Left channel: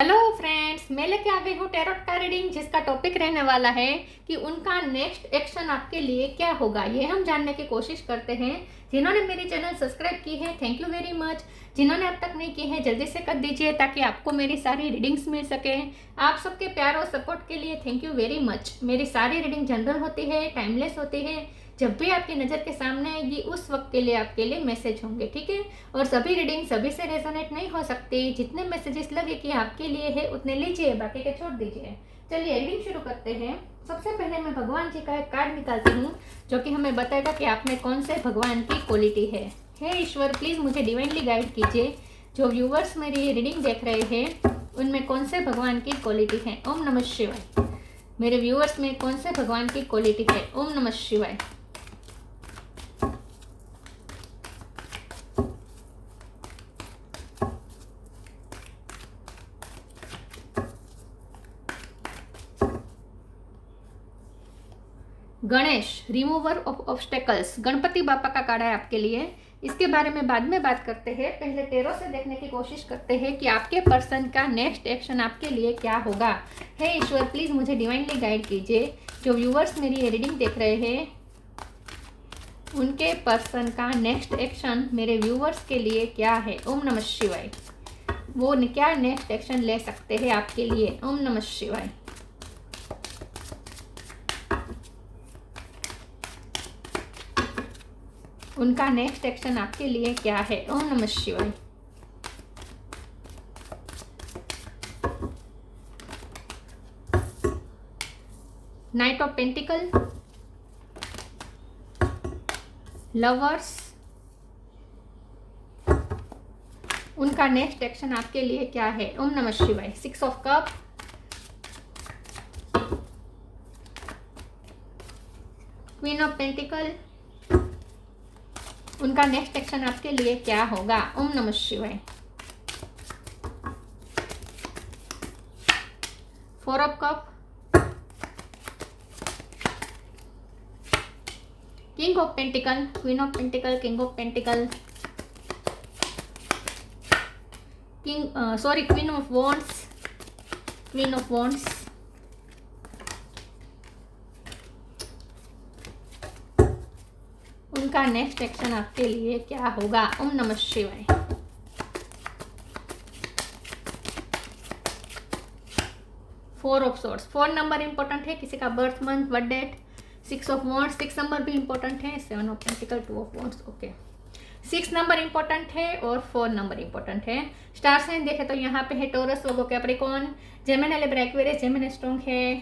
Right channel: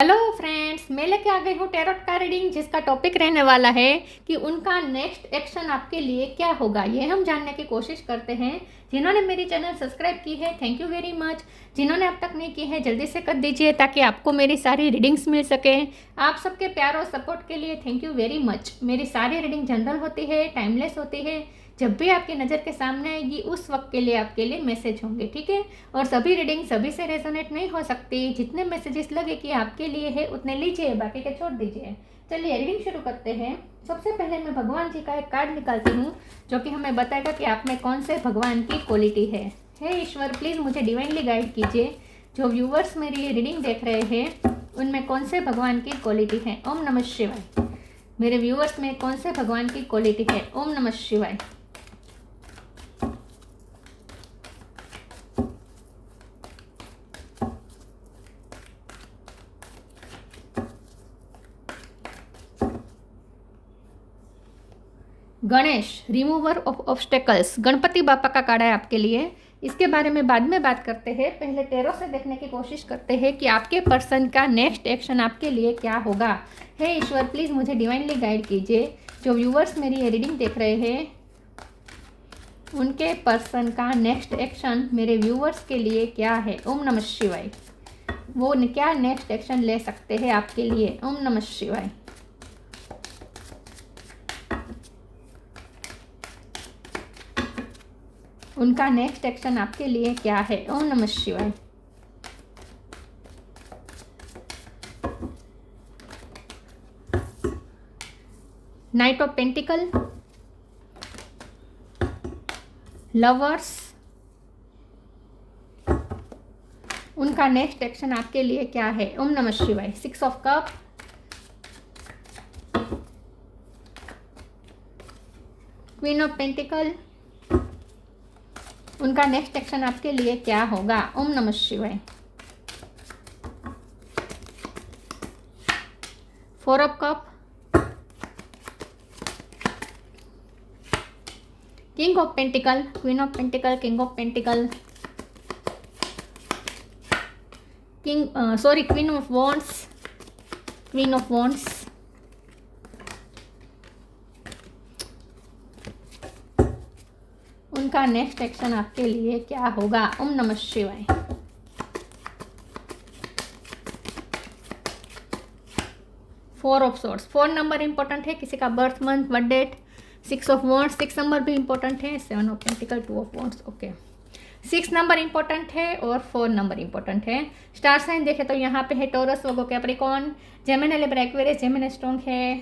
Hello friends, मैं लेके आ गई हूँ टैरोट का रीडिंग, जिसका टॉपिक रहने वाला है कि उनका नेक्स्ट एक्शन आपके लिए क्या होगा। ये हम जानने की कोशिश करते हैं। जिन्होंने मेरी चैनल सब्सक्राइब की है, थैंक यू वेरी मच। जिन्होंने अब तक नहीं की है, जल्दी से कर दीजिए ताकि आपको मेरी सारी रीडिंग्स मिल सके। आप सबके प्यार और सपोर्ट के लिए थैंक यू वेरी मच। मेरी सारी रीडिंग जनरल होती है, टाइमलेस होती है। जब भी आपकी नज़र के सामने आएगी उस वक्त के लिए आपके लिए मैसेज होंगे, ठीक है। और सभी रीडिंग सभी से रेजोनेट नहीं हो सकती। जितने मैसेजेस लगे कि आपके लिए है उतने लीजिए, बाकी के छोड़ दीजिए। चलिए रीडिंग शुरू करते हैं। सबसे पहले मैं भगवान जी का एक कार्ड निकालती हूँ जो कि हमें बताएगा कि आप में कौन से भगवान की क्वालिटी है। हे ईश्वर, प्लीज़ मुझे डिवाइनली गाइड कीजिए। जो व्यूवर्स मेरी रीडिंग देख रहे हैं उनमें कौन से भगवान की क्वालिटी है। ओम नमः शिवाय। मेरे व्यूवर्स में कौन से भगवान की क्वालिटी है। ओम नमः शिवाय। Ganesh, remover of obstacles. Ganpati बापा का कार्ड है आपके लिए। इसके बारे में बाद में बात करते हैं। पहले टैरो से देखने की कोशिश करते हैं कि आपके पर्सन का नेक्स्ट एक्शन आपके लिए क्या होगा। हे ईश्वर, प्लीज़ मुझे डिवाइनली गाइड कीजिए। जो व्यूवर्स मेरी ये रीडिंग देख रहे हैं उनके पर्सन का नेक्स्ट एक्शन मेरे व्यूवर्स के लिए क्या है। ओम नमः शिवाय। वो क्या नेक्स्ट एक्शन ले सकते हैं आपके लिए। ओम नमः शिवाय। उनका नेक्स्ट एक्शन आपके लिए क्या है। ओम नमः शिवाय। Night of pentacle, lovers. उनका नेक्स्ट एक्शन आपके लिए क्या है। ओम नमः शिवाय। Six of cup, queen of pentacle. उनका नेक्स्ट एक्शन आपके लिए क्या होगा। ओम नमः शिवाय। Four of cup, king of pentacle, queen of pentacle, king of pentacle, queen of wands, queen of wands. उनका नेक्स्ट एक्शन आपके लिए क्या होगा। ओम नमः शिवाय। फोर ऑफ सॉर्ड्स, 4 नंबर इंपॉर्टेंट है। किसी का birth month, birth date. Six of wands, 6 नंबर भी इंपॉर्टेंट है। 7 ऑफ पेंटिकल, 2 ऑफ वॉन्ड्स। ओके, 6 नंबर इंपॉर्टेंट है और 4 नंबर इंपॉर्टेंट है। स्टार साइन देखे तो यहाँ पे है Taurus, Virgo, Capricorn, Gemini, Libra, Aquarius, Gemini strong है,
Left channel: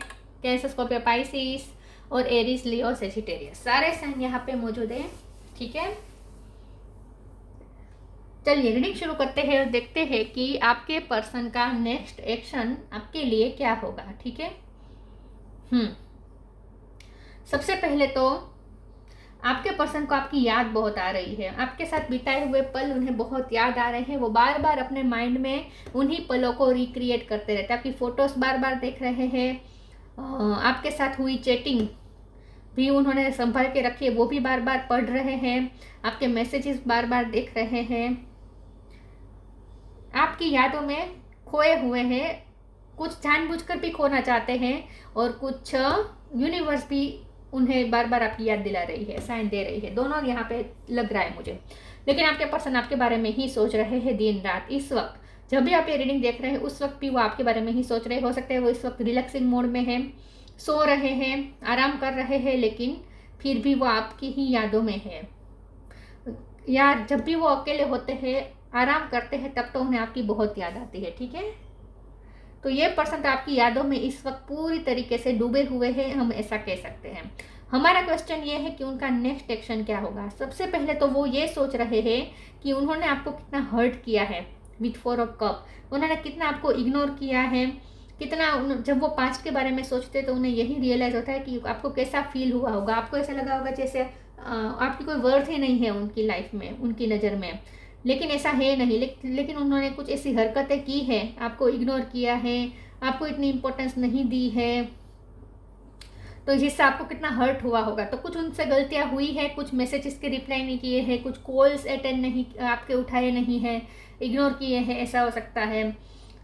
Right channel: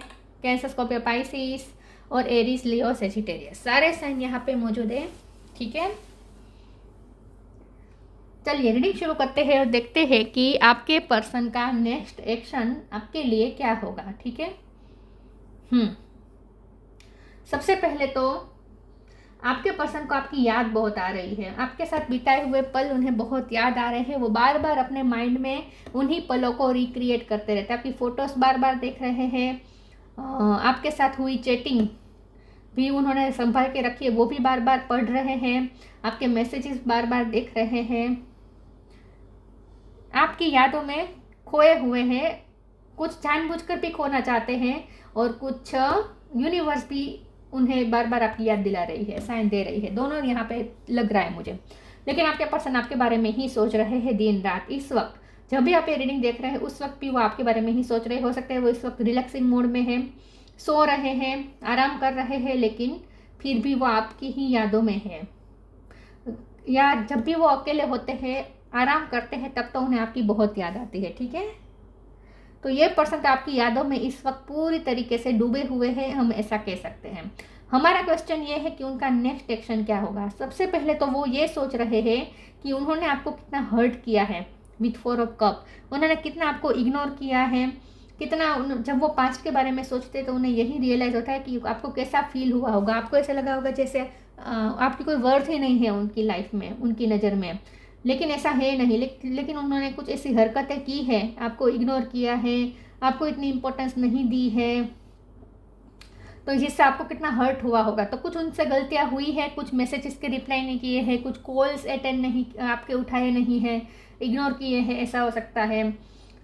कैंसर, स्कॉर्पियो, पाइसिस और एरीज, लियो, सेजिटेरियस। सारे साइन यहाँ पे मौजूद है, ठीक है। चलिए रीडिंग शुरू करते हैं और देखते हैं कि आपके पर्सन का नेक्स्ट एक्शन आपके लिए क्या होगा, ठीक है। सबसे पहले तो आपके पर्सन को आपकी याद बहुत आ रही है। आपके साथ बिताए हुए पल उन्हें बहुत याद आ रहे हैं। वो बार बार अपने माइंड में उन्हीं पलों को रिक्रिएट करते रहते हैं। आपकी फोटोज बार बार देख रहे हैं। आपके साथ हुई चैटिंग भी उन्होंने संभाल के रखी है, वो भी बार बार पढ़ रहे हैं। आपके मैसेजेस बार बार देख रहे हैं। आपकी यादों में खोए हुए हैं। कुछ जानबूझकर भी खोना चाहते हैं और कुछ यूनिवर्स भी उन्हें बार बार आपकी याद दिला रही है, साइन दे रही है। दोनों यहाँ पे लग रहा है मुझे। लेकिन आपके पर्सन आपके बारे में ही सोच रहे हैं दिन रात। इस वक्त जब भी आप ये रीडिंग देख रहे हैं उस वक्त भी वो आपके बारे में ही सोच रहे। हो सकते हैं वो इस वक्त रिलैक्सिंग मोड में है, सो रहे हैं, आराम कर रहे हैं, लेकिन फिर भी वो आपकी ही यादों में है। या जब भी वो अकेले होते हैं, आराम करते हैं, तब तो उन्हें आपकी बहुत याद आती है, ठीक है। तो ये पर्सन तो आपकी यादों में इस वक्त पूरी तरीके से डूबे हुए हैं, हम ऐसा कह सकते हैं। हमारा क्वेश्चन ये है कि उनका नेक्स्ट एक्शन क्या होगा। सबसे पहले तो वो ये सोच रहे हैं कि उन्होंने आपको कितना हर्ट किया है विथ 4 ऑफ कप। उन्होंने कितना आपको इग्नोर किया है, कितना। जब वो पास्ट के बारे में सोचते तो उन्हें यही रियलाइज होता है कि आपको कैसा फील हुआ होगा। आपको ऐसा लगा होगा जैसे आपकी कोई वर्थ ही नहीं है उनकी लाइफ में, उनकी नज़र में। लेकिन ऐसा है नहीं। लेकिन उन्होंने कुछ ऐसी हरकतें की हैं, आपको इग्नोर किया है, आपको इतनी इम्पोर्टेंस नहीं दी है, तो जिससे आपको कितना हर्ट हुआ होगा। तो कुछ उनसे गलतियां हुई है, कुछ मैसेजेस के रिप्लाई नहीं किए हैं, कुछ कॉल्स अटेंड नहीं, आपके उठाए नहीं हैं, इग्नोर किए हैं, ऐसा हो सकता है।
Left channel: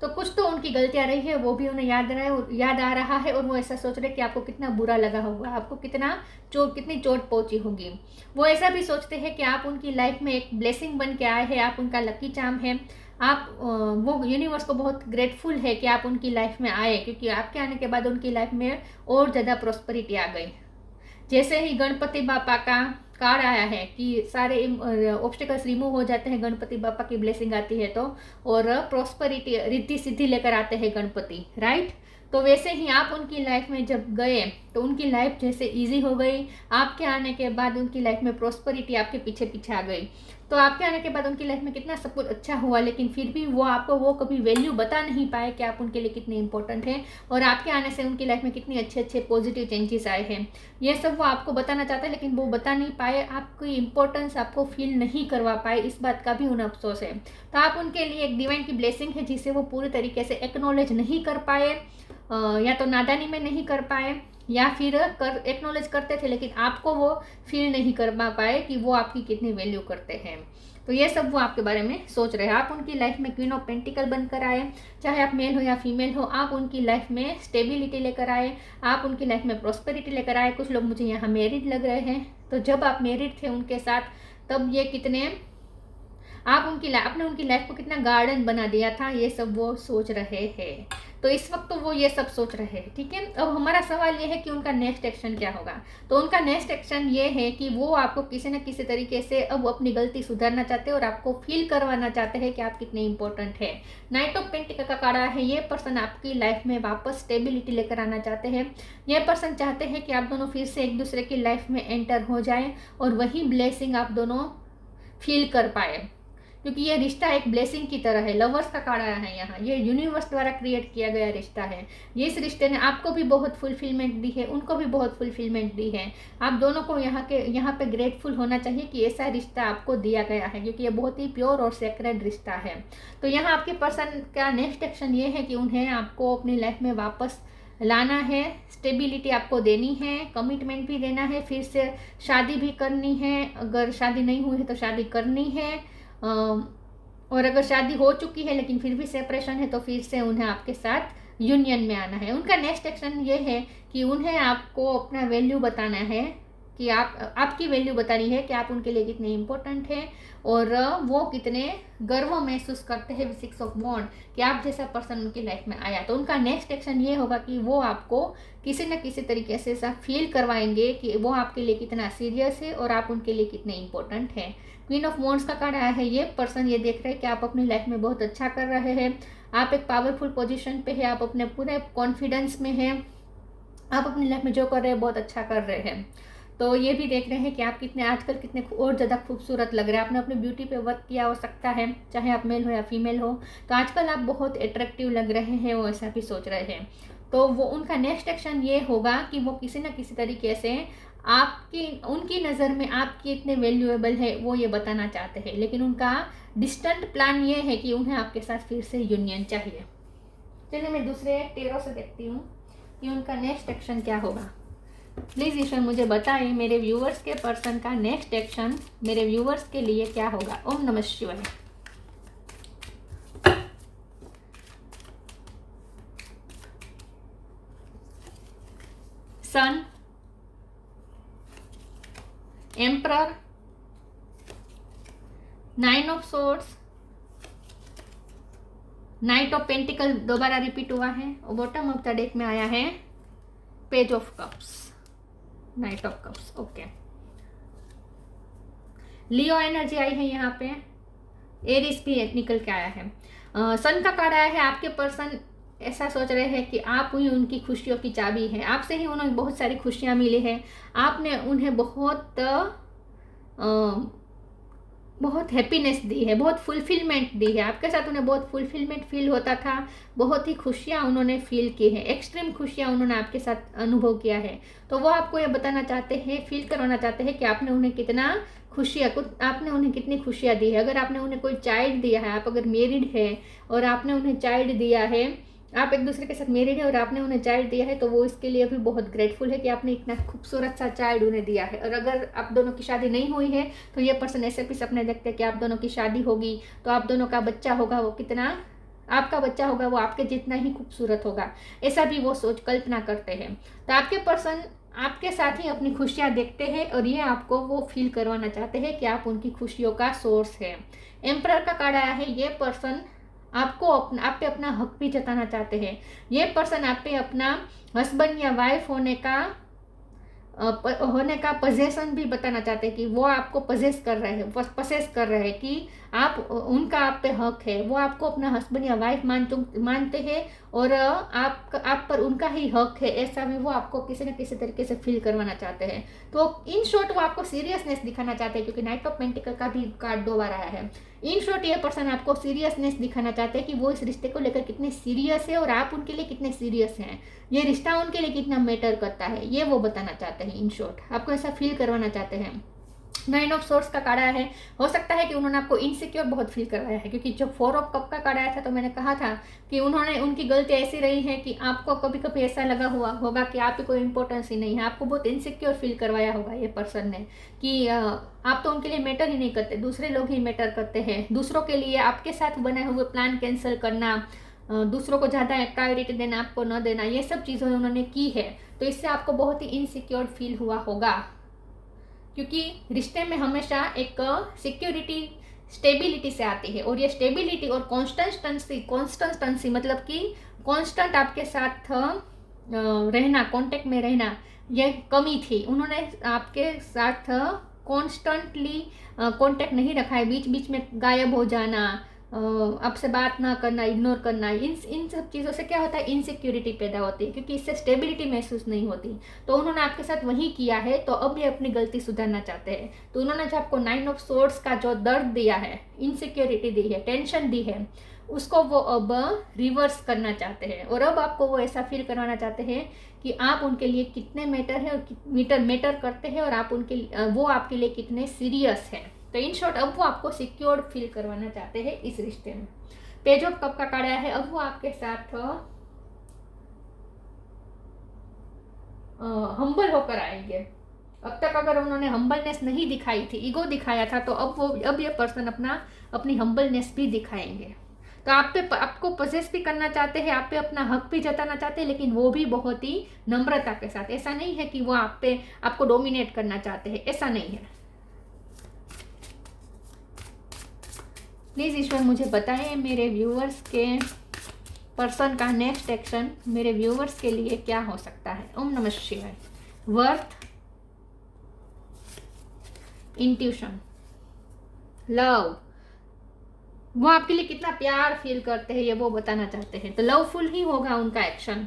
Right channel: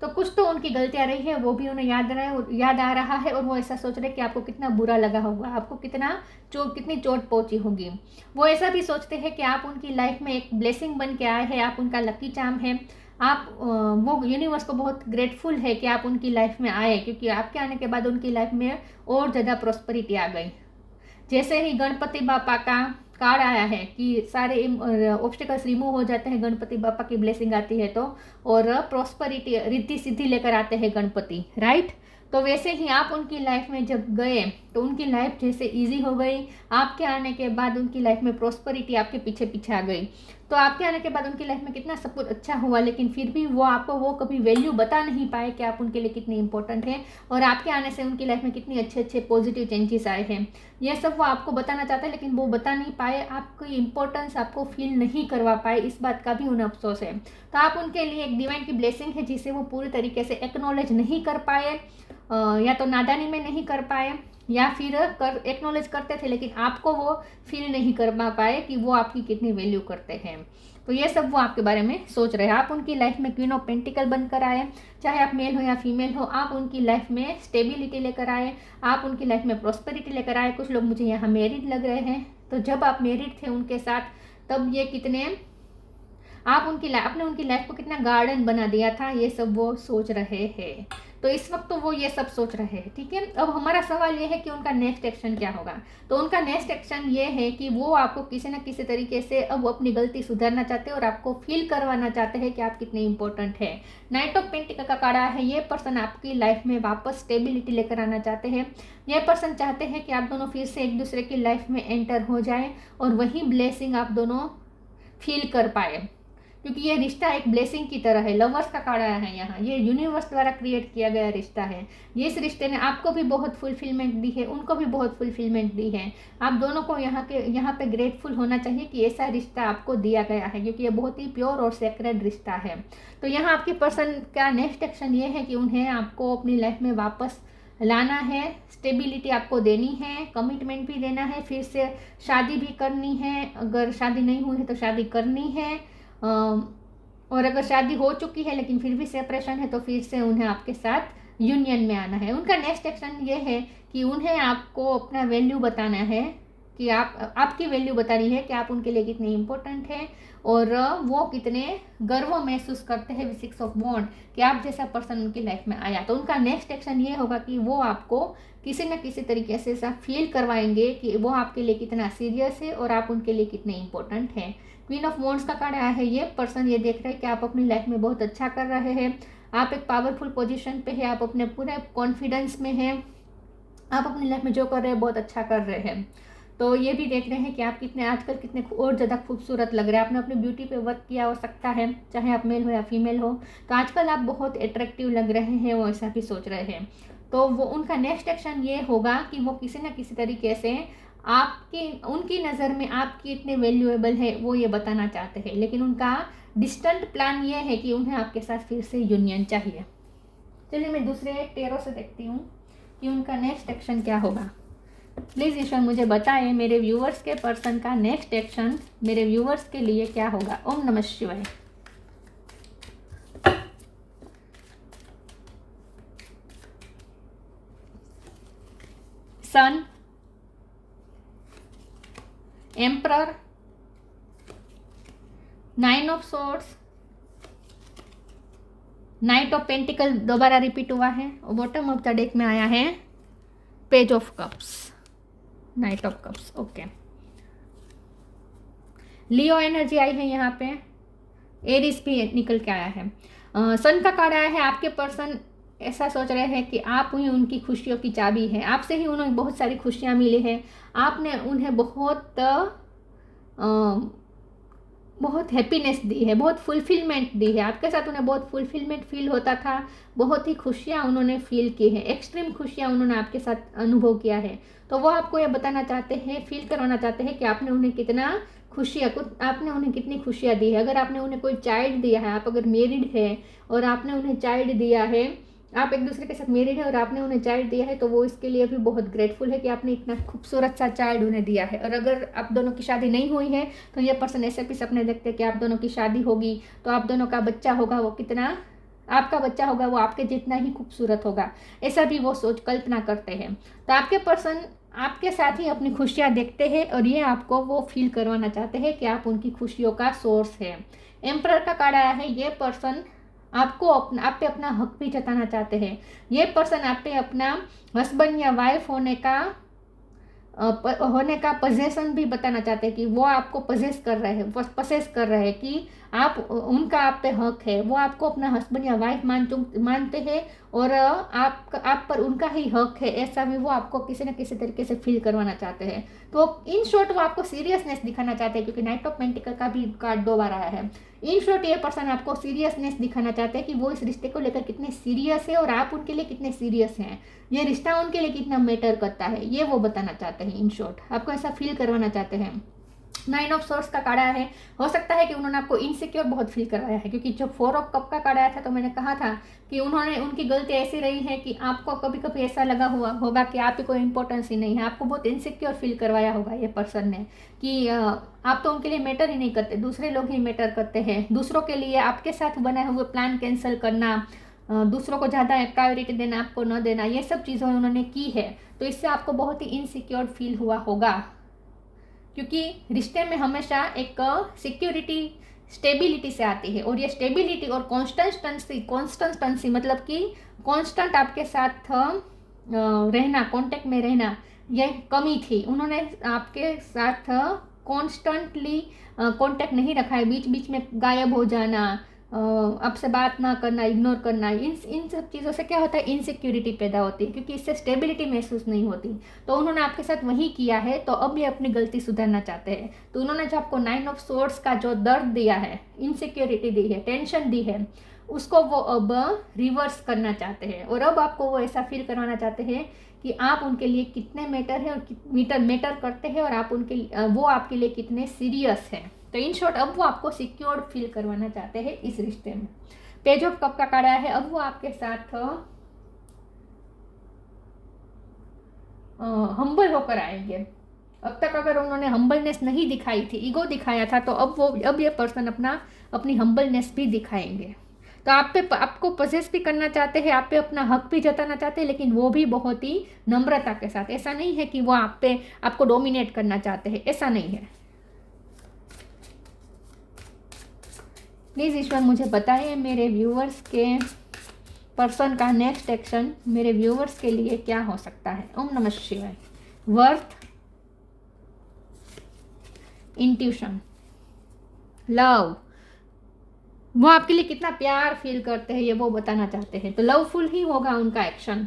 तो कुछ तो उनकी गलतियां रही है, वो भी उन्हें याद आ रहा है, और वो ऐसा सोच रहे हैं कि आपको कितना बुरा लगा होगा, आपको कितनी चोट पहुंची होगी। वो ऐसा भी सोचते हैं कि आप उनकी लाइफ में एक ब्लेसिंग बन के आए हैं, आप उनका लकी चार्म है। आप वो यूनिवर्स को बहुत ग्रेटफुल है कि आप उनकी लाइफ में आए, क्योंकि आपके आने के बाद उनकी लाइफ में और ज़्यादा प्रॉस्पेरिटी आ गई। जैसे ही गणपति बापा का कार्ड आया है कि सारे ऑब्स्टिकल्स रिमूव हो जाते हैं, गणपति बापा की ब्लेसिंग आती है तो, और प्रॉस्पेरिटी रिद्धि सिद्धि लेकर आते हैं गणपति, राइट। तो वैसे ही आप उनकी लाइफ में जब गए तो उनकी लाइफ जैसे इजी हो गई, आपके आने के बाद उनकी लाइफ में प्रॉस्पेरिटी आपके पीछे पीछे आ गई। तो आपके आने के बाद उनकी लाइफ में कितना सब कुछ अच्छा हुआ, लेकिन फिर भी वो आपको वो कभी वैल्यू बता नहीं पाए कि आप उनके लिए कितने इंपॉर्टेंट हैं, और आपके आने से उनकी लाइफ में कितने अच्छे अच्छे पॉजिटिव चेंजेस आए हैं। ये सब वो आपको बताना चाहते हैं, लेकिन वो बता नहीं पाए, आपकी इंपॉर्टेंस आपको फील नहीं करवा पाए, इस बात का भी उन्हें अफसोस है। तो आप उनके लिए एक डिवाइन की ब्लेसिंग है जिसे वो पूरी तरीके से एक्नॉलेज नहीं कर पाए, या तो नादानी में नहीं कर पाए, या फिर एक्नॉलेज करते थे लेकिन आपको वो फील नहीं कर पाए कि वो आपकी कितनी वैल्यू करते हैं। तो ये सब वो आपके बारे में सोच रहे हैं। आप उनकी लाइफ में क्वीन ऑफ पेंटिकल बनकर आए, चाहे आप मेल हो या फीमेल हो, आप उनकी लाइफ में स्टेबिलिटी लेकर आए, आप उनकी लाइफ में प्रॉस्पेरिटी लेकर आए। कुछ लोग मुझे यहाँ मैरिड लग रहे हैं, तो जब आप मैरिड थे उनके साथ, तब ये कितने आपने उनकी लाइफ को कितना गार्डन बना दिया था, ये सब वो सोच रहे हैं। तो इस वक्त तो वो ये सब सोच रहे हैं, ठीक है। अब हमारा सवाल ये है कि उनका नेक्स्ट एक्शन क्या होगा। तो उनका नेक्स्ट एक्शन ये है कि वो आपको किसी न किसी तरीके से अब अपनी गलती सुधारना चाहते हैं और आपको फील करवाना चाहते हैं कि आप कितने इंपॉर्टेंट है। नाइट ऑफ पेंटिकल का कार्ड है, ये पर्सन आपकी लाइफ में वापस स्टेबिलिटी लेकर आना चाहते हैं। ये पर्सन चाहते हैं कि आप दोनों फिर से एक दूसरे की लाइफ में एंटर हो जाए और वही ब्लेसिंग आप दोनों फील कर पाए, क्योंकि ये रिश्ता एक ब्लेसिंग की तरह है। लवर्स का कार्ड आया है यहाँ, ये यूनिवर्स द्वारा क्रिएट किया गया रिश्ता है। ये इस रिश्ते ने आपको भी बहुत फुलफिलमेंट दी है, उनको भी बहुत फुलफिलमेंट दी है। आप दोनों को यहाँ पे ग्रेटफुल होना चाहिए कि ऐसा रिश्ता आपको दिया गया है, क्योंकि ये बहुत ही प्योर और सेक्रेड रिश्ता है। तो यहाँ आपके पर्सन का नेक्स्ट एक्शन ये है कि उन्हें आपको अपनी लाइफ में वापस लाना है, स्टेबिलिटी आपको देनी है, कमिटमेंट भी देना है, फिर से शादी भी करनी है, अगर शादी नहीं हुई है तो शादी करनी है, और अगर शादी हो चुकी है लेकिन फिर भी सेपरेशन है तो फिर से उन्हें आपके साथ यूनियन में आना है। उनका नेक्स्ट एक्शन ये है कि उन्हें आपको अपना वैल्यू बताना है, कि आपकी वैल्यू बतानी है कि आप उनके लिए कितने इंपॉर्टेंट हैं, और वो कितने गर्व महसूस करते हैं 6 ऑफ वॉन्ड कि आप जैसा पर्सन उनकी लाइफ में आया। तो उनका नेक्स्ट एक्शन ये होगा कि वो आपको किसी न किसी तरीके से ऐसा फील करवाएंगे कि वो आपके लिए कितना सीरियस है और आप उनके लिए कितने इंपॉर्टेंट हैं। क्वीन ऑफ वॉन्ड्स का कार्ड आया है, ये पर्सन ये देख रहे हैं कि आप अपनी लाइफ में बहुत अच्छा कर रहे हैं, आप एक पावरफुल पोजीशन पे है, आप अपने पूरे कॉन्फिडेंस में हैं, आप अपनी लाइफ में जो कर रहे हैं बहुत अच्छा कर रहे हैं। तो ये भी देख रहे हैं कि आप आजकल कितने और ज़्यादा खूबसूरत लग रहे हैं। आपने अपनी ब्यूटी पे वर्क किया हो सकता है, चाहे आप मेल हो या फीमेल हो, तो आजकल आप बहुत अट्रैक्टिव लग रहे हैं, वो ऐसा भी सोच रहे हैं। तो वो उनका नेक्स्ट एक्शन ये होगा कि वो किसी न किसी तरीके से उनकी नज़र में आप कितने वैल्यूएबल है वो ये बताना चाहते हैं, लेकिन उनका डिस्टेंट प्लान ये है कि उन्हें आपके साथ फिर से यूनियन चाहिए। चलिए मैं दूसरे टेरो से देखती हूँ कि उनका नेक्स्ट एक्शन क्या होगा। प्लीज़ ईश्वर मुझे बताएं मेरे व्यूवर्स के पर्सन का नेक्स्ट एक्शन मेरे व्यूवर्स के लिए क्या होगा। ओम नमः शिवाय। Sun, emperor, 9 of swords, knight of pentacle दोबारा रिपीट हुआ है, और बॉटम ऑफ द डेक में आया है page of cups, knight of cups. Okay, Leo energy आई है यहाँ पे, एरिस भी निकल के आया है। सन का कार्ड आया है, आपके पर्सन ऐसा सोच रहे हैं कि आप ही उनकी खुशियों की चाबी है, आपसे ही उन्हें बहुत सारी खुशियाँ मिली हैं, आपने उन्हें बहुत हैप्पीनेस दी है, बहुत फुलफिलमेंट दी है, आपके साथ उन्हें बहुत फुलफिलमेंट फील होता था, बहुत ही खुशियाँ उन्होंने फील की है, एक्सट्रीम खुशियाँ उन्होंने आपके साथ अनुभव किया है। तो वो आपको ये बताना चाहते हैं, फील करवाना चाहते हैं कि आपने उन्हें कितनी खुशियाँ दी है। अगर आपने उन्हें कोई चाइल्ड दिया है, आप अगर मैरिड है और आपने उन्हें चाइल्ड दिया है, आप एक दूसरे के साथ मैरिड है और आपने उन्हें चाइल्ड दिया है, तो वो इसके लिए भी बहुत ग्रेटफुल है कि आपने इतना खूबसूरत सा चाइल्ड उन्हें दिया है। और अगर आप दोनों की शादी नहीं हुई है तो ये पर्सन ऐसे भी सपने देखते हैं कि आप दोनों की शादी होगी, तो आप दोनों का बच्चा होगा, वो कितना आपका बच्चा होगा वो आपके जितना ही खूबसूरत होगा, ऐसा भी वो सोच कल्पना करते हैं। तो आपके पर्सन आपके साथ ही अपनी खुशियाँ देखते हैं और ये आपको वो फील करवाना चाहते हैं कि आप उनकी खुशियों का सोर्स है। एम्परर का कार्ड आया है, ये पर्सन आपको आप पे अपना हक भी जताना चाहते हैं। ये पर्सन आप पे अपना हस्बैंड या वाइफ होने का पोजेशन भी बताना चाहते हैं कि वो आपको पजेस कर रहे हैं, पसेस कर रहे हैं कि आप उनका आप पे हक है, वो आपको अपना हस्बैंड या वाइफ मानते हैं और आप पर उनका ही हक है, ऐसा भी वो आपको किसी न किसी तरीके से फील करवाना चाहते हैं। तो इन शॉर्ट वो आपको सीरियसनेस दिखाना चाहते हैं, क्योंकि नाइट ऑफ पेंटिकल का भी कार्ड 2 बार आया है। इन शॉर्ट ये पर्सन आपको सीरियसनेस दिखाना चाहते हैं कि वो इस रिश्ते को लेकर कितने सीरियस है और आप उनके लिए कितने सीरियस हैं, ये रिश्ता उनके लिए कितना मैटर करता है, ये वो बताना चाहते हैं। इन शॉर्ट आपको ऐसा फील करवाना चाहते हैं। 9 ऑफ सोर्स का कार्ड आया है, हो सकता है कि उन्होंने आपको इनसिक्योर बहुत फील करवाया है, क्योंकि जब 4 ऑफ कप का कार्ड आया था तो मैंने कहा था कि उनकी गलती ऐसी रही है कि आपको कभी कभी ऐसा लगा हुआ होगा कि आप ही कोई इंपॉर्टेंस ही नहीं है, आपको बहुत इनसिक्योर फील करवाया होगा ये पर्सन ने कि आप तो उनके लिए मैटर ही नहीं करते, दूसरे लोग ही मैटर करते हैं। दूसरों के लिए आपके साथ बनाए हुए प्लान कैंसिल करना, दूसरों को ज़्यादा प्रायोरिटी देना, आपको न देना, ये सब चीज़ें उन्होंने की है। तो इससे आपको बहुत ही इनसिक्योर फील हुआ होगा, क्योंकि रिश्ते में हमेशा एक सिक्योरिटी स्टेबिलिटी से आती है, और ये स्टेबिलिटी और कॉन्स्टेंसी मतलब कि कांस्टेंट आपके साथ रहना, कांटेक्ट में रहना, ये कमी थी। उन्होंने आपके साथ कॉन्स्टेंटली कांटेक्ट नहीं रखा है, बीच बीच में गायब हो जाना, आपसे बात ना करना, इग्नोर करना, इन सब चीज़ों से क्या होता है, इनसिक्योरिटी पैदा होती है, क्योंकि इससे स्टेबिलिटी महसूस नहीं होती। तो उन्होंने आपके साथ वही किया है, तो अब ये अपनी गलती सुधारना चाहते हैं। तो उन्होंने जो आपको 9 ऑफ सोर्ड्स का जो दर्द दिया है, इनसिक्योरिटी दी है, टेंशन दी है, उसको वो अब रिवर्स करना चाहते हैं, और अब आपको वो ऐसा फील करवाना चाहते हैं कि आप उनके लिए कितने मैटर है और मैटर करते हैं, और आप वो आपके लिए कितने सीरियस हैं। तो इन शॉर्ट अब वो आपको सिक्योर्ड फील करवाना चाहते हैं इस रिश्ते में। पेज ऑफ कप का कार्ड आया है, अब वो आपके साथ हम्बल होकर आएंगे। अब तक अगर उन्होंने हम्बलनेस नहीं दिखाई थी, ईगो दिखाया था, तो अब ये पर्सन अपनी हम्बलनेस भी दिखाएंगे। तो आपको पजेस भी करना चाहते हैं, आप पे अपना हक भी जताना चाहते हैं, लेकिन वो भी बहुत ही नम्रता के साथ। ऐसा नहीं है कि वो आपको डोमिनेट करना चाहते हैं, ऐसा नहीं है। प्लीज़ ईश्वर मुझे बताइए मेरे व्यूअर्स के पर्सन का नेक्स्ट एक्शन मेरे व्यूअर्स के लिए क्या हो सकता है। ओम नमः शिवाय। वर्थ, इंट्यूशन, लव, वो आपके लिए कितना प्यार फील करते हैं ये वो बताना चाहते हैं, तो लवफुल ही होगा उनका action.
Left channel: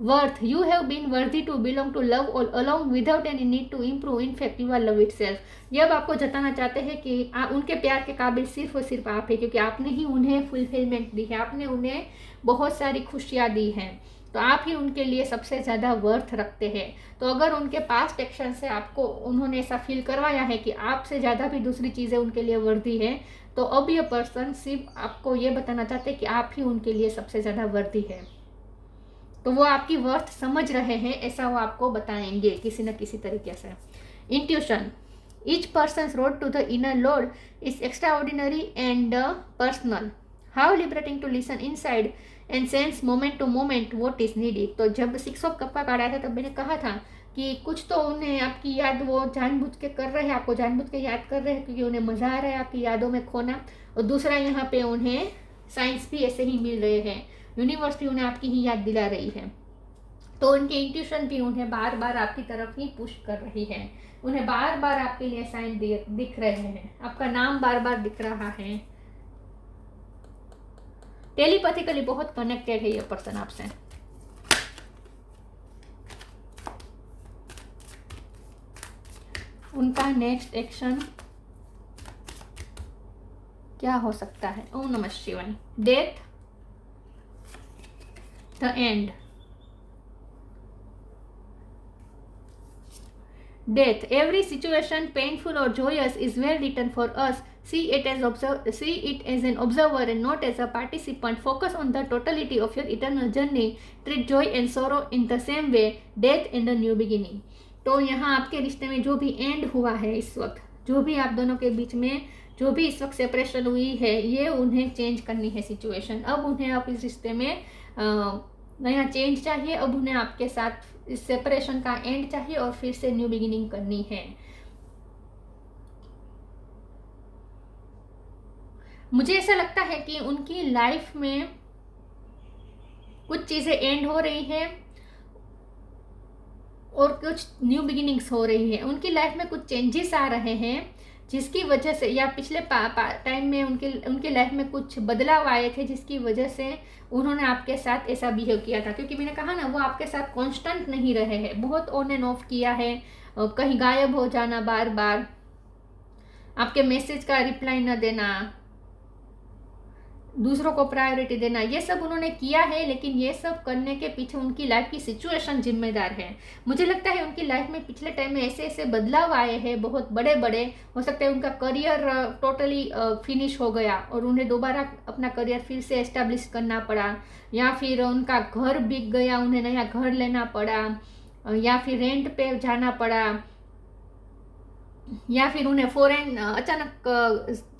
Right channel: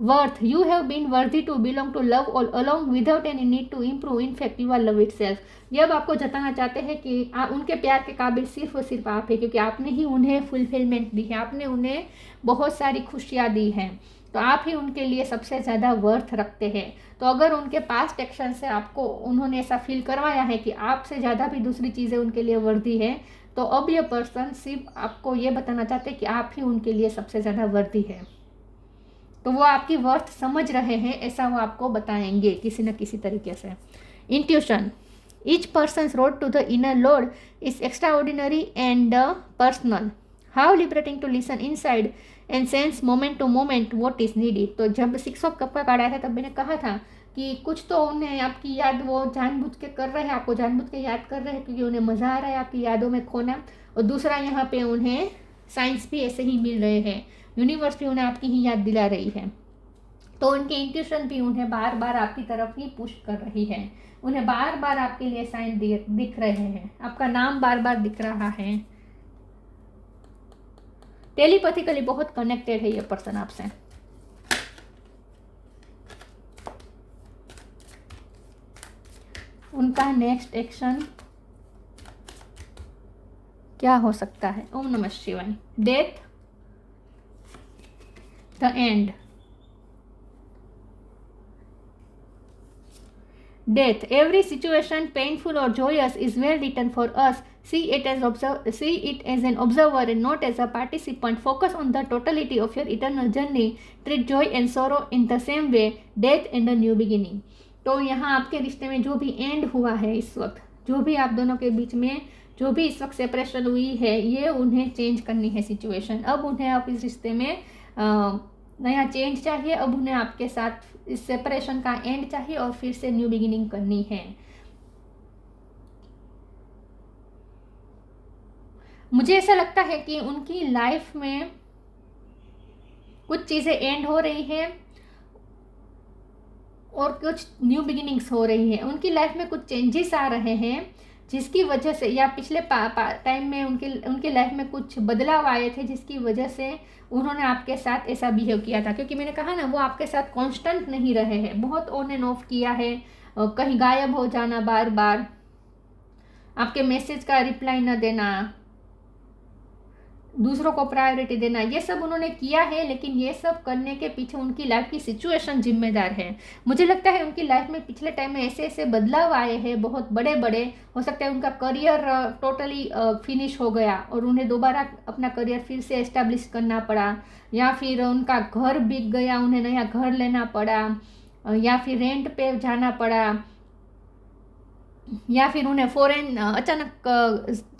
Worth, you have been worthy to belong to love all along without any need to improve, in fact you are love itself. ये अब आपको जताना चाहते हैं कि उनके प्यार के काबिल सिर्फ और सिर्फ आप है, क्योंकि आपने ही उन्हें फुलफिलमेंट दी है, आपने उन्हें बहुत सारी खुशियाँ दी हैं, तो आप ही उनके लिए सबसे ज़्यादा वर्थ रखते हैं। तो अगर उनके पास्ट एक्शन से आपको उन्होंने ऐसा फील करवाया है कि आपसे ज़्यादा भी दूसरी चीज़ें उनके लिए वर्दी है, तो अब ये पर्सन सिर्फ आपको ये बताना चाहते हैं कि आप ही उनके लिए सबसे ज़्यादा वर्दी है। तो वो आपकी वर्थ समझ रहे हैं, ऐसा वो आपको बताएंगे किसी न किसी तरीके से। Intuition, each persons road to the inner lord is extraordinary and personal, how liberating to listen inside and sense moment to moment what is needed. तो जब 6 ऑफ कप का कार्ड आया था तब मैंने कहा था कि कुछ तो उन्हें आपकी याद वो जानबूझ के कर रहे हैं, आपको जानबूझ के याद कर रहे हैं, क्योंकि उन्हें मज़ा आ रहा है आपकी यादों में खोना। और दूसरा यहाँ पे उन्हें साइंस भी ऐसे ही मिल रहे हैं, यूनिवर्स भी उन्हें आपकी ही याद दिला रही है। तो उनकी इंट्यूशन भी उन्हें बार बार आपकी तरफ ही पुश कर रही है, उन्हें बार बार आपके लिए साइन दिख रहे हैं, आपका नाम बार बार दिख रहा है। टेलीपैथिकली बहुत कनेक्टेड है ये पर्सन आपसे। उनका नेक्स्ट एक्शन क्या हो सकता है। ओम नमः शिवाय। Death, the end, death, every situation painful or joyous is well written for us. See it as an observer and not as a participant. Focus on the totality of your eternal journey. Treat joy and sorrow in the same way. Death and a new beginning. तो यहाँ आपके रिश्ते में जो भी and हुआ है, इस वक्त जो भी आप दोनों के बीच में जो भी इस वक्त सेपरेशन हुई है ये उन्हें चेंज करनी है सिचुएशन। अब उन्हें आप इस रिश्ते में नया चेंज चाहिए। अब उन्हें आपके साथ इस सेपरेशन का एंड चाहिए और फिर से न्यू बिगिनिंग करनी है। मुझे ऐसा लगता है कि उनकी लाइफ में कुछ चीज़ें एंड हो रही हैं और कुछ न्यू बिगिनिंग्स हो रही हैं। उनकी लाइफ में कुछ चेंजेस आ रहे हैं जिसकी वजह से, या पिछले टाइम में उनके लाइफ में कुछ बदलाव आए थे जिसकी वजह से उन्होंने आपके साथ ऐसा बिहेव किया था। क्योंकि मैंने कहा ना, वो आपके साथ कांस्टेंट नहीं रहे हैं, बहुत ऑन एंड ऑफ किया है, कहीं गायब हो जाना, बार बार आपके मैसेज का रिप्लाई न देना, दूसरों को प्रायोरिटी देना, ये सब उन्होंने किया है। लेकिन ये सब करने के पीछे उनकी लाइफ की सिचुएशन जिम्मेदार है। मुझे लगता है उनकी लाइफ में पिछले टाइम में ऐसे ऐसे बदलाव आए हैं, बहुत बड़े बड़े। हो सकता है उनका करियर टोटली फिनिश हो गया और उन्हें दोबारा अपना करियर फिर से एस्टेब्लिश करना पड़ा, या फिर उनका घर बिक गया, उन्हें नया घर लेना पड़ा, या फिर रेंट पे जाना पड़ा, या फिर उन्हें फॉरेन अचानक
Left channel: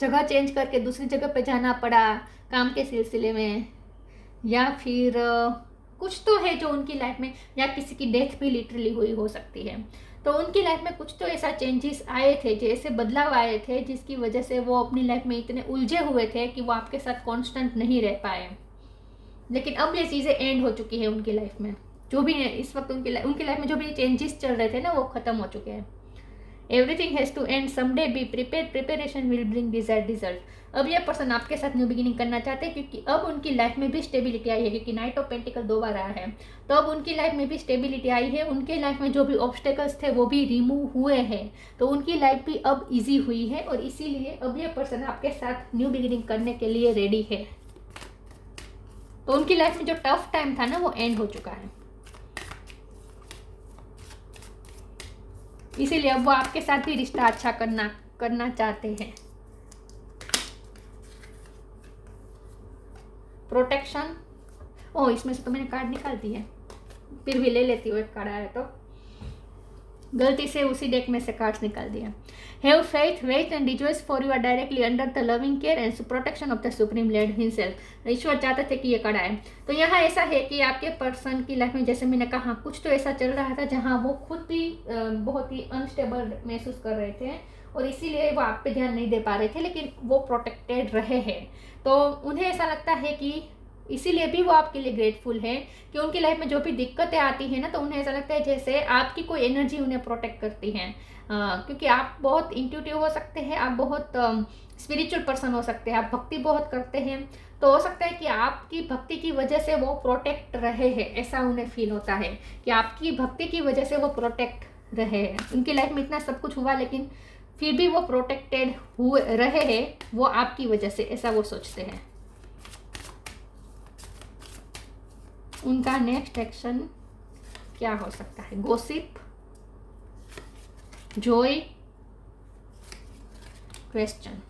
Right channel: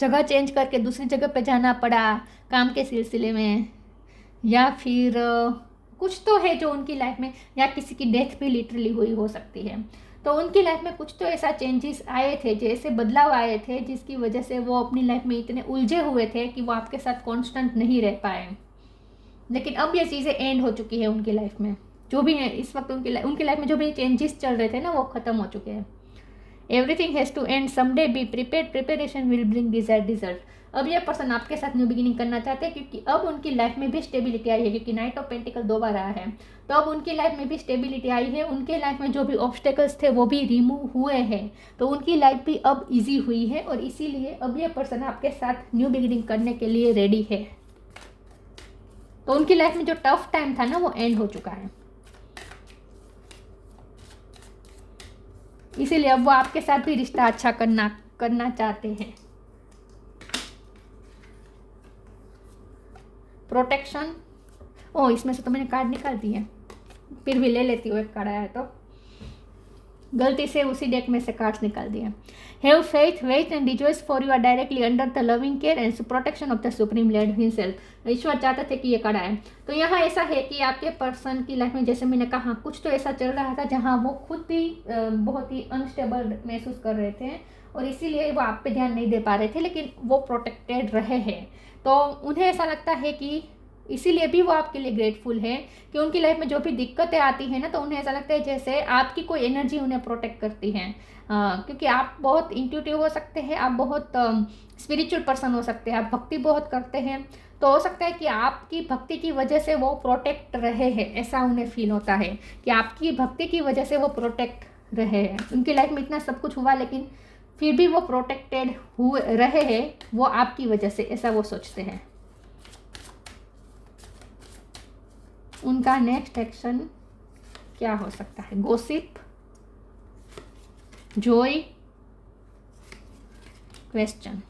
जगह चेंज करके दूसरी जगह पे जाना पड़ा काम के सिलसिले में, या फिर कुछ तो है जो उनकी लाइफ में, या किसी की डेथ भी लिटरली हुई हो सकती है। तो उनकी लाइफ में कुछ तो ऐसा चेंजेस आए थे, जैसे बदलाव आए थे जिसकी वजह से वो अपनी लाइफ में इतने उलझे हुए थे कि वो आपके साथ कांस्टेंट नहीं रह पाए। लेकिन अब ये चीज़ें एंड हो चुकी है उनकी लाइफ में। जो भी है इस वक्त उनकी लाइफ में जो भी चेंजेस चल रहे थे ना, वो ख़त्म हो चुके हैं। Everything has to end someday, be prepare, preparation will bring desired result. अब ये पर्सन आपके साथ न्यू बिगिनिंग करना चाहते हैं क्योंकि अब उनकी लाइफ में भी स्टेबिलिटी आई है, क्योंकि नाइट ऑफ पेंटिकल 2 बार आया है। तो अब उनकी लाइफ में भी स्टेबिलिटी आई है, उनके लाइफ में जो भी ऑब्स्टेकल्स थे वो भी रिमूव हुए हैं। तो उनकी लाइफ भी अब ईजी हुई है और इसीलिए अब ये पर्सन आपके साथ न्यू बिगिनिंग करने के लिए रेडी है। तो उनकी लाइफ में जो टफ टाइम था ना, वो एंड हो चुका है। इसीलिए अब वो आपके साथ भी रिश्ता अच्छा करना चाहते हैं। प्रोटेक्शन, इसमें से तो मैंने कार्ड निकाल दी है, फिर भी ले लेती हूँ, एक कार्ड आया तो गलती से उसी डेक में से कार्ड्स निकाल दिया। Have faith, wait and rejoice for you are directly under the loving care and protection of the supreme lord himself. ईश्वर चाहते थे कि ये कार्ड आए। तो यहाँ ऐसा है कि आपके पर्सन की लाइफ में, जैसे मैंने कहा, कुछ तो ऐसा चल रहा था जहाँ वो खुद भी बहुत ही अनस्टेबल महसूस कर रहे थे और इसीलिए वो आप पे ध्यान नहीं दे पा रहे थे, लेकिन वो प्रोटेक्टेड रहे हैं। तो उन्हें ऐसा लगता है कि इसीलिए भी वो आपके लिए ग्रेटफुल है कि उनकी लाइफ में जो भी दिक्कतें आती हैं ना, तो उन्हें ऐसा लगता है जैसे आपकी कोई एनर्जी उन्हें प्रोटेक्ट करती है। क्योंकि आप बहुत इंट्यूटिव हो सकते हैं, आप बहुत स्पिरिचुअल पर्सन हो सकते हैं, आप भक्ति बहुत करते हैं। तो हो सकता है कि आपकी भक्ति की वजह से वो प्रोटेक्ट रहे हैं, ऐसा उन्हें फील होता है कि आपकी भक्ति की वजह से वो प्रोटेक्ट रहे हैं। उनकी लाइफ में इतना सब कुछ हुआ लेकिन फिर भी वो प्रोटेक्टेड हुए रहे हैं, वो आपकी वजह से, ऐसा वो सोचते हैं। उनका नेक्स्ट एक्शन क्या हो सकता है? Gossip, Joy, question.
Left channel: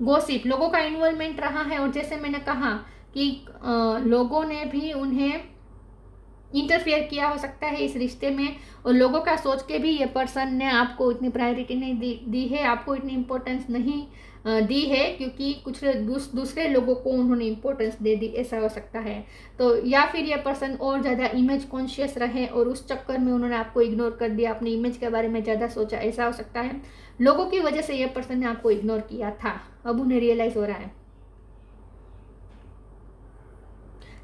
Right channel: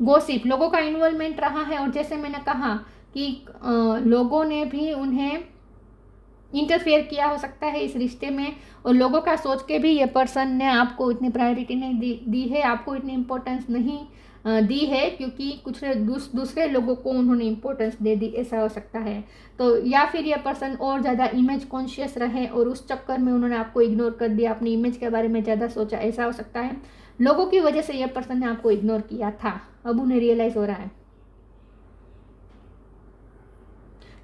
गॉसिप, लोगों का इन्वॉल्वमेंट रहा है और जैसे मैंने कहा कि लोगों ने भी उन्हें इंटरफेयर किया हो सकता है इस रिश्ते में, और लोगों का सोच के भी ये पर्सन ने आपको इतनी प्रायोरिटी नहीं दी है, आपको इतनी इम्पोर्टेंस नहीं दी है, क्योंकि कुछ दूसरे लोगों को उन्होंने इम्पोर्टेंस दे दी, ऐसा हो सकता है। तो या फिर ये पर्सन और ज़्यादा इमेज कॉन्शियस रहे और उस चक्कर में उन्होंने आपको इग्नोर कर दिया, अपनी इमेज के बारे में ज़्यादा सोचा, ऐसा हो सकता है। लोगों की वजह से ये पर्सन ने आपको इग्नोर किया था, अब उन्हें रियलाइज हो रहा है।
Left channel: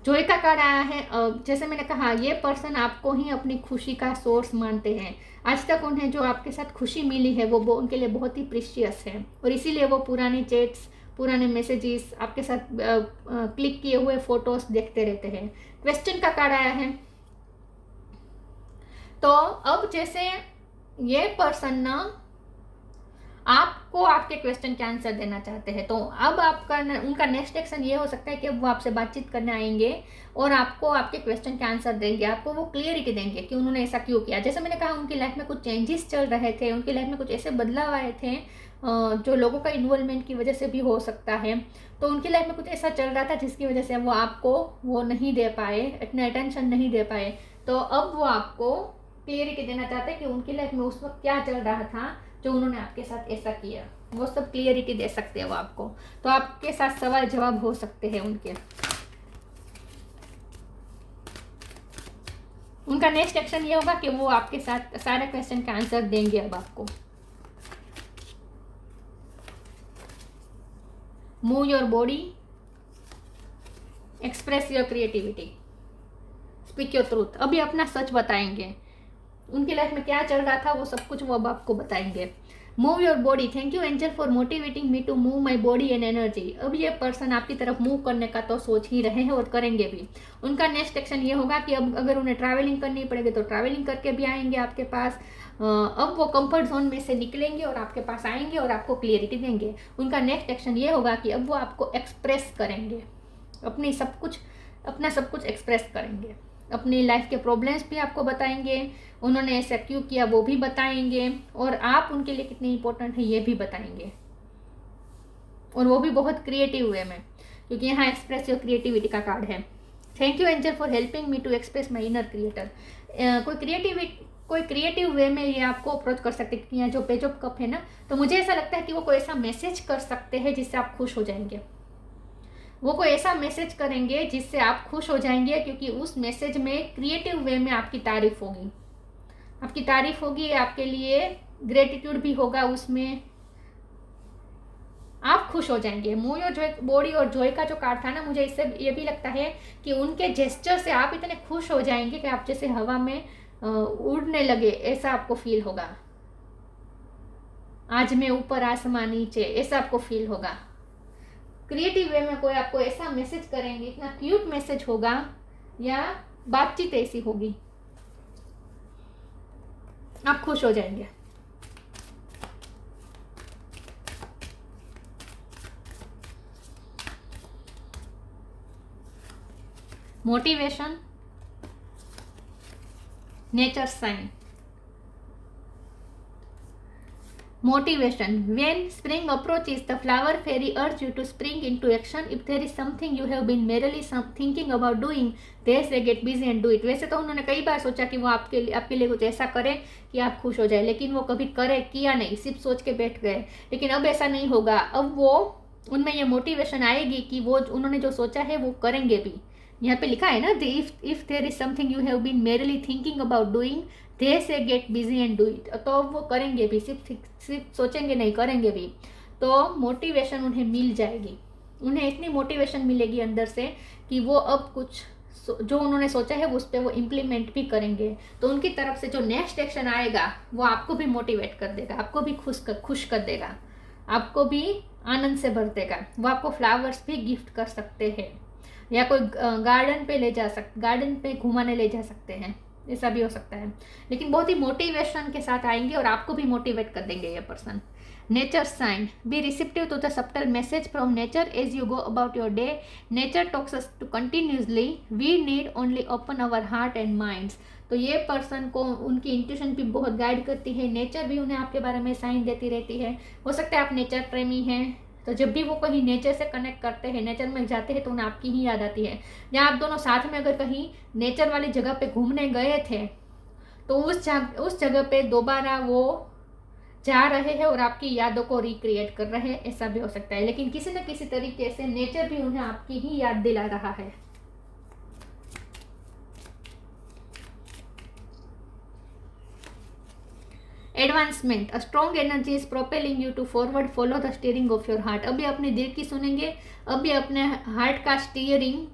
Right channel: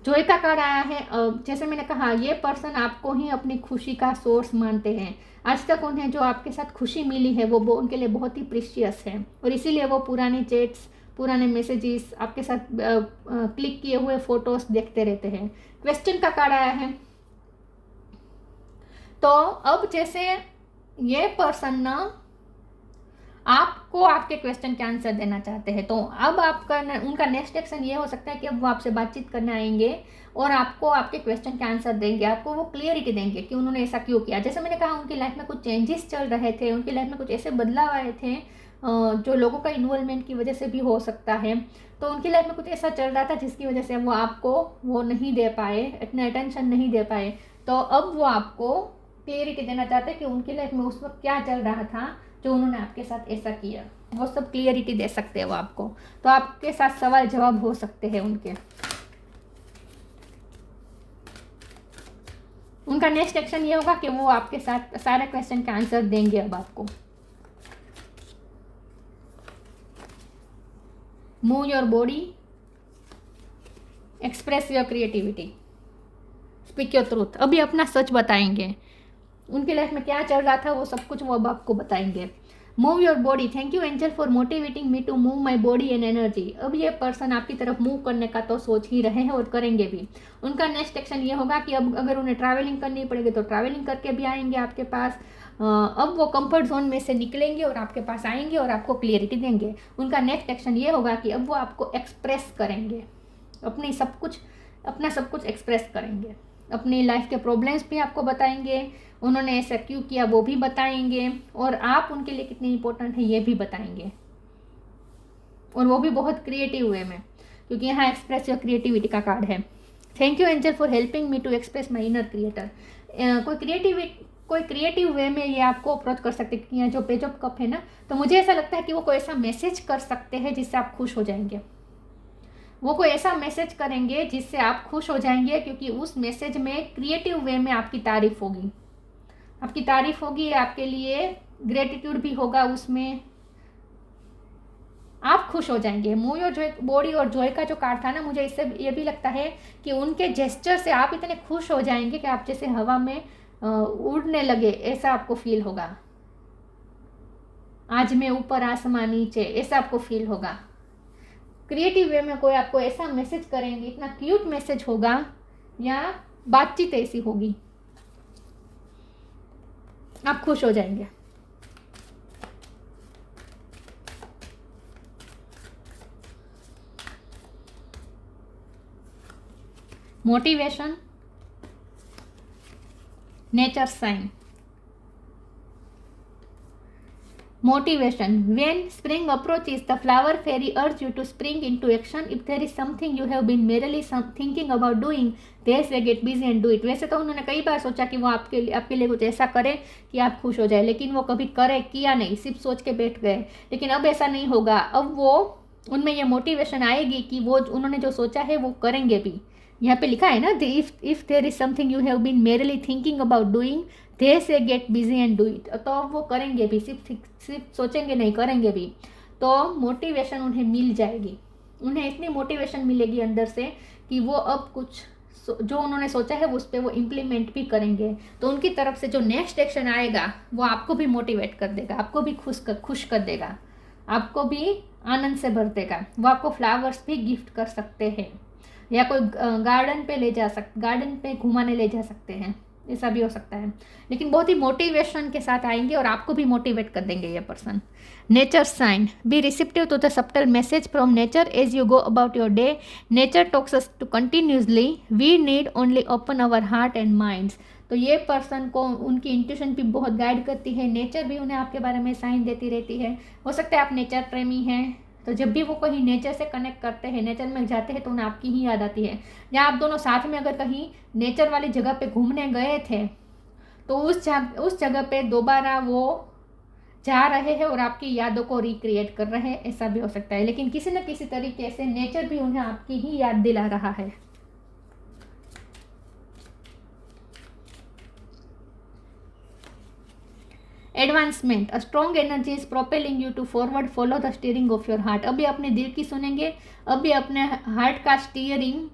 जॉय का कार्ड आया है। जैसे मैंने कहा, ये पर्सन आपको ही अपनी खुशी का सोर्स मानते हैं। आज तक उन्हें जो आपके साथ खुशी मिली है वो उनके लिए बहुत ही प्रीशियस है और इसीलिए वो पुराने चैट्स, पुराने मैसेजेस, आपके साथ क्लिक किए हुए फोटोज देखते रहते हैं। क्वेश्चन का कार्ड आया है। तो अब जैसे ये पर्सन ना आपको आपके क्वेश्चन के आंसर देना चाहते हैं, तो अब आपका उनका नेक्स्ट एक्शन ये हो सकता है कि वो आपसे बातचीत करने आएंगे और आपको आपके क्वेश्चन के आंसर देंगे, आपको वो क्लियरिटी देंगे कि उन्होंने ऐसा क्यों किया। जैसे मैंने कहा, उनकी लाइफ में कुछ चेंजेस चल रहे थे, उनकी लाइफ में कुछ ऐसे बदलाव आए थे जो लोगों का इन्वॉल्वमेंट की वजह से भी हो सकता है। तो उनकी लाइफ में कुछ ऐसा चल रहा था जिसकी वजह से वो आपको वो नहीं दे पाए, इतना अटेंशन नहीं दे पाए। तो अब वो आपको क्लियरिटी देना चाहते हैं कि उनकी लाइफ में उस वक्त क्या चल रहा था जो उन्होंने आपके साथ ऐसा किया, वो सब क्लियरिटी दे सकते हैं वो आपको। तो आपके साथ सवाल जवाब हो सकते हैं उनके। उनका नेक्स्ट एक्शन ये होगा कि वो आपके साथ सारे क्वेश्चन के आंसर देंगे अब आपको। Move your body, express your creativity, speak your truth. अभी अपना सच बताएंगे, उनकी लाइफ में क्या चल रहा था वो सब कुछ वो अब आपको बताएंगे। Move your body, thank you angel for motivating me to move my body and energy. अब ये पर्सन आपकी तरफ मूव करने का तो सोच ही रहे हैं और करेंगे भी। उनका नेक्स्ट एक्शन ये होगा कि अब अगर उन्हें ट्रैवलिंग करनी पड़ेगी तो ट्रैवलिंग करके भी आएंगे आपके पास। अब वो कंफर्ट जोन में से निकलेंगे और आपके पास आएंगे और आपको क्लियरिटी देंगे। उनका नेक्स्ट एक्शन ये होगा कि अब वो आपको एक्सप्रेस करेंगे, अपना सब कुछ एक्सप्रेस करेंगे। अपनी लाइफ के प्रॉब्लम्स भी आपको बताएंगे, उन्होंने ऐसा क्यों किया वो भी बताएंगे, और आप उनके लिए कितनी इंपॉर्टेंट है ये भी बताएंगे, और वो भी बहुत क्रिएटिव वे में, क्योंकि यहाँ एक्सप्रेस योर क्रिएटिविटी का कार्ड है। Thank you angel for helping me to express my inner creator. कोई क्रिएटिव वे में ये आपको अप्रोच कर सकते हैं, क्योंकि जो पेज ऑफ कप है ना, तो मुझे ऐसा लगता है कि वो कोई ऐसा मैसेज कर सकते हैं जिससे आप खुश हो जाएंगे। वो कोई ऐसा मैसेज करेंगे जिससे आप खुश हो जाएंगे, क्योंकि उस मैसेज में क्रिएटिव वे में आपकी तारीफ होगी, आपके लिए ग्रेटिट्यूड भी होगा, उसमें आप खुश हो जाएंगे। मूव योर बॉडी और जॉय का जो कार्ड था ना, मुझे इससे ये भी लगता है कि उनके जेस्चर से आप इतने खुश हो जाएंगे कि आप जैसे हवा में उड़ने लगे, ऐसा आपको फील होगा। आज मैं ऊपर आसमान नीचे, ऐसा आपको फील होगा। क्रिएटिव वे में कोई आपको ऐसा मैसेज करेंगे, इतना क्यूट मैसेज होगा या बातचीत ऐसी होगी, आप खुश हो जाएंगे। Motivation, nature sign. Motivation. When spring approaches, the flower fairy urges you to spring into action. If there is something you have been merely thinking about doing, they say get busy and do it. वैसे तो उन्होंने कई बार सोचा कि वो आपके लिए कुछ ऐसा करे कि आप खुश हो जाए, लेकिन वो कभी किया नहीं, सिर्फ सोच के बैठ गए। लेकिन अब ऐसा नहीं होगा, अब वो उनमें ये मोटिवेशन आएगी कि वो उन्होंने जो सोचा है वो करेंगे भी। यहाँ पे लिखा है ना, if there is something you have been merely thinking about doing, they say get busy and do it. तो वो करेंगे भी, सिर्फ सोचेंगे नहीं, करेंगे भी। तो मोटिवेशन उन्हें मिल जाएगी, उन्हें इतनी मोटिवेशन मिलेगी अंदर से कि वो अब कुछ जो उन्होंने सोचा है उस पर वो इम्प्लीमेंट भी करेंगे। तो उनकी तरफ से जो नेक्स्ट एक्शन आएगा वो आपको भी मोटिवेट कर देगा, आपको भी खुश कर देगा, आपको भी आनंद से भर देगा। वो आपको फ्लावर्स भी गिफ्ट कर सकते हैं, या कोई गार्डन पे घुमाने ले जा सकते हैं, ऐसा भी हो सकता है। लेकिन बहुत ही मोटिवेशन के साथ आएंगे और आपको भी मोटिवेट कर देंगे ये person. Nature sign, be receptive to the subtle message from nature as you go about your day. Nature talks us to continuously, we need only open our heart and minds. तो ये person को उनकी intuition भी बहुत guide करती है, nature भी उन्हें आपके बारे में साइन देती रहती है। हो सकता है आप नेचर प्रेमी हैं, तो जब भी वो कहीं नेचर से कनेक्ट करते हैं, नेचर में जाते हैं, तो उन्हें आपकी ही याद आती है। या आप दोनों साथ में अगर कहीं नेचर वाली जगह पे घूमने गए थे, तो उस जगह पे दोबारा वो जा रहे हैं और आपकी यादों को रिक्रिएट कर रहे हैं, ऐसा भी हो सकता है। लेकिन किसी न किसी तरीके से नेचर भी उन्हें आपकी ही याद दिला रहा है। Advancement, a strong energy is propelling you to forward, follow the steering of your heart. अभी अपने दिल की सुनेंगे, अभी अपने हार्ट का स्टीयरिंग,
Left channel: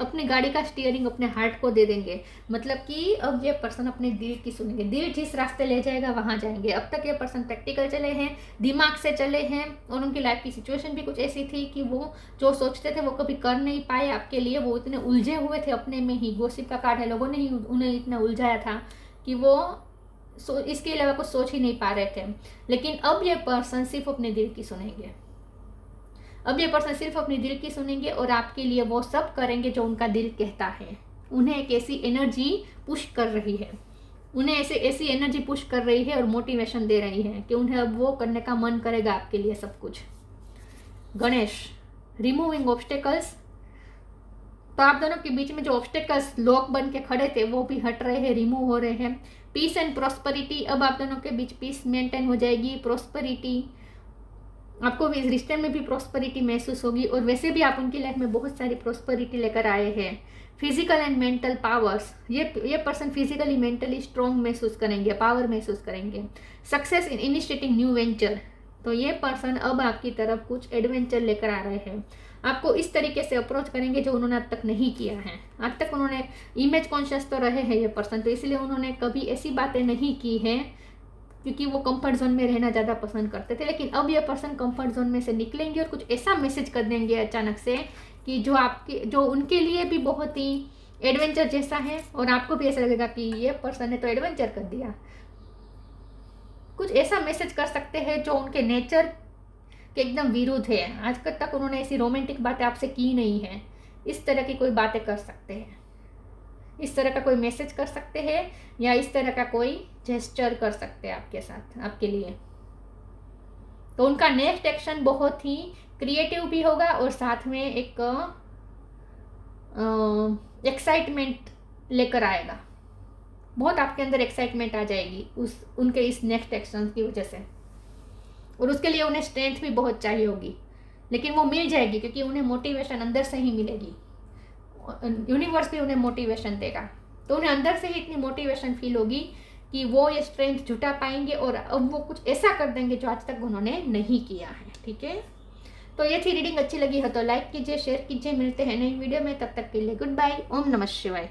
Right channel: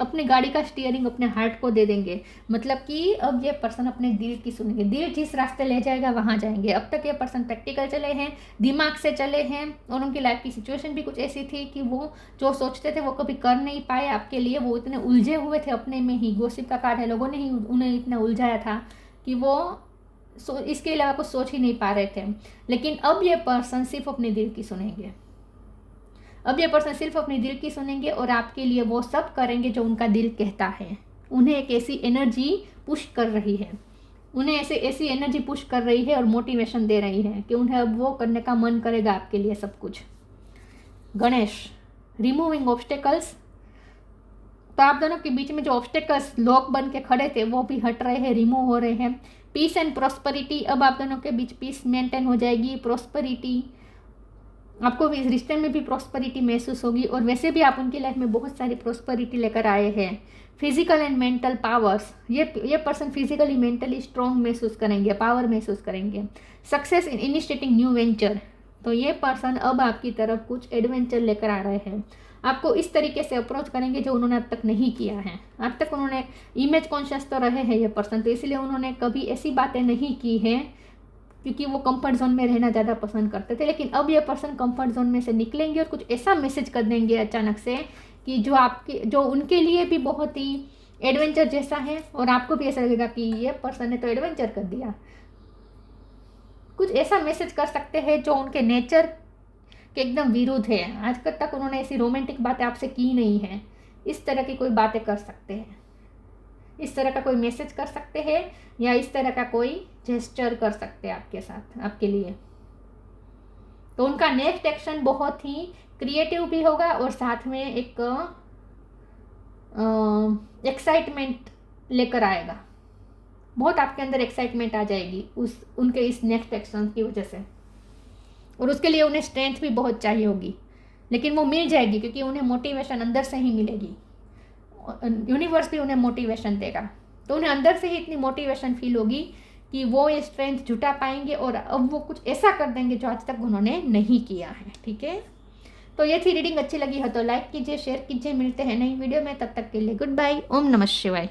अपने गाड़ी का स्टीयरिंग अपने हार्ट को दे देंगे। मतलब कि अब ये पर्सन अपने दिल की सुनेंगे, दिल जिस रास्ते ले जाएगा वहाँ जाएंगे। अब तक ये पर्सन प्रैक्टिकल चले हैं, दिमाग से चले हैं, और उनकी लाइफ की सिचुएशन भी कुछ ऐसी थी कि वो जो सोचते थे वो कभी कर नहीं पाए आपके लिए। वो इतने उलझे हुए थे अपने में ही, गॉसिप का कार्ड है, लोगों ने ही उन्हें इतना उलझाया था कि वो इसके अलावा कुछ सोच ही नहीं पा रहे थे। लेकिन अब ये पर्सन सिर्फ अपने दिल की सुनेंगे, और आपके लिए वो सब करेंगे जो उनका दिल कहता है। उन्हें एक ऐसी एनर्जी पुश कर रही है, ऐसी एनर्जी पुश कर रही है और मोटिवेशन दे रही है कि उन्हें अब वो करने का मन करेगा आपके लिए सब कुछ। गणेश, रिमूविंग ऑब्स्टेकल्स, तो आप दोनों के बीच में जो ऑब्स्टेकल्स लॉक बन के खड़े थे वो भी हट रहे हैं, रिमूव हो रहे हैं। पीस एंड प्रॉस्पेरिटी, अब आप दोनों के बीच पीस मेंटेन हो जाएगी, प्रॉस्पेरिटी, आपको भी इस रिश्ते में भी प्रॉस्पेरिटी महसूस होगी, और वैसे भी आप उनकी लाइफ में बहुत सारी प्रॉस्पेरिटी लेकर आए हैं। फिजिकल एंड मेंटल पावर्स, ये पर्सन फिजिकली मेंटली स्ट्रॉन्ग महसूस करेंगे, पावर महसूस करेंगे। Success in initiating new venture, तो ये पर्सन अब आपकी तरफ कुछ एडवेंचर लेकर आ रहे हैं, आपको इस तरीके से अप्रोच करेंगे जो उन्होंने आज तक नहीं किया है। आज तक उन्होंने इमेज कॉन्शियस तो रहे हैं ये पर्सन, तो इसलिए उन्होंने कभी ऐसी बातें नहीं की हैं क्योंकि वो कंफर्ट जोन में रहना ज़्यादा पसंद करते थे। लेकिन अब ये पर्सन कंफर्ट जोन में से निकलेंगे और कुछ ऐसा मैसेज कर देंगे अचानक से कि जो उनके लिए भी बहुत ही एडवेंचर जैसा है, और आपको भी ऐसा लगेगा कि ये पर्सन ने तो एडवेंचर कर दिया। कुछ ऐसा मैसेज कर सकते हैं जो उनके नेचर के एकदम विरुद्ध है। आज तक उन्होंने ऐसी रोमांटिक बातें आपसे की नहीं है, इस तरह की कोई बातें कर सकते हैं, इस तरह का कोई मैसेज कर सकते हैं, या इस तरह का कोई जेस्चर कर सकते हैं आपके साथ, आपके लिए। तो उनका नेक्स्ट एक्शन बहुत ही क्रिएटिव भी होगा और साथ में एक एक्साइटमेंट लेकर आएगा। बहुत आपके अंदर एक्साइटमेंट आ जाएगी उनके इस नेक्स्ट एक्शन की वजह से, और उसके लिए उन्हें स्ट्रेंथ भी बहुत चाहिए होगी, लेकिन वो मिल जाएगी क्योंकि उन्हें मोटिवेशन अंदर से ही मिलेगी। यूनिवर्स भी उन्हें मोटिवेशन देगा, तो उन्हें अंदर से ही इतनी मोटिवेशन फील होगी कि वो ये स्ट्रेंथ जुटा पाएंगे और अब वो कुछ ऐसा कर देंगे जो आज तक उन्होंने नहीं किया है। ठीक है, तो ये थी रीडिंग। अच्छी लगी हो तो लाइक कीजिए, शेयर कीजिए। मिलते हैं नई वीडियो में, तब तक के लिए गुड बाय। ओम नमः शिवाय।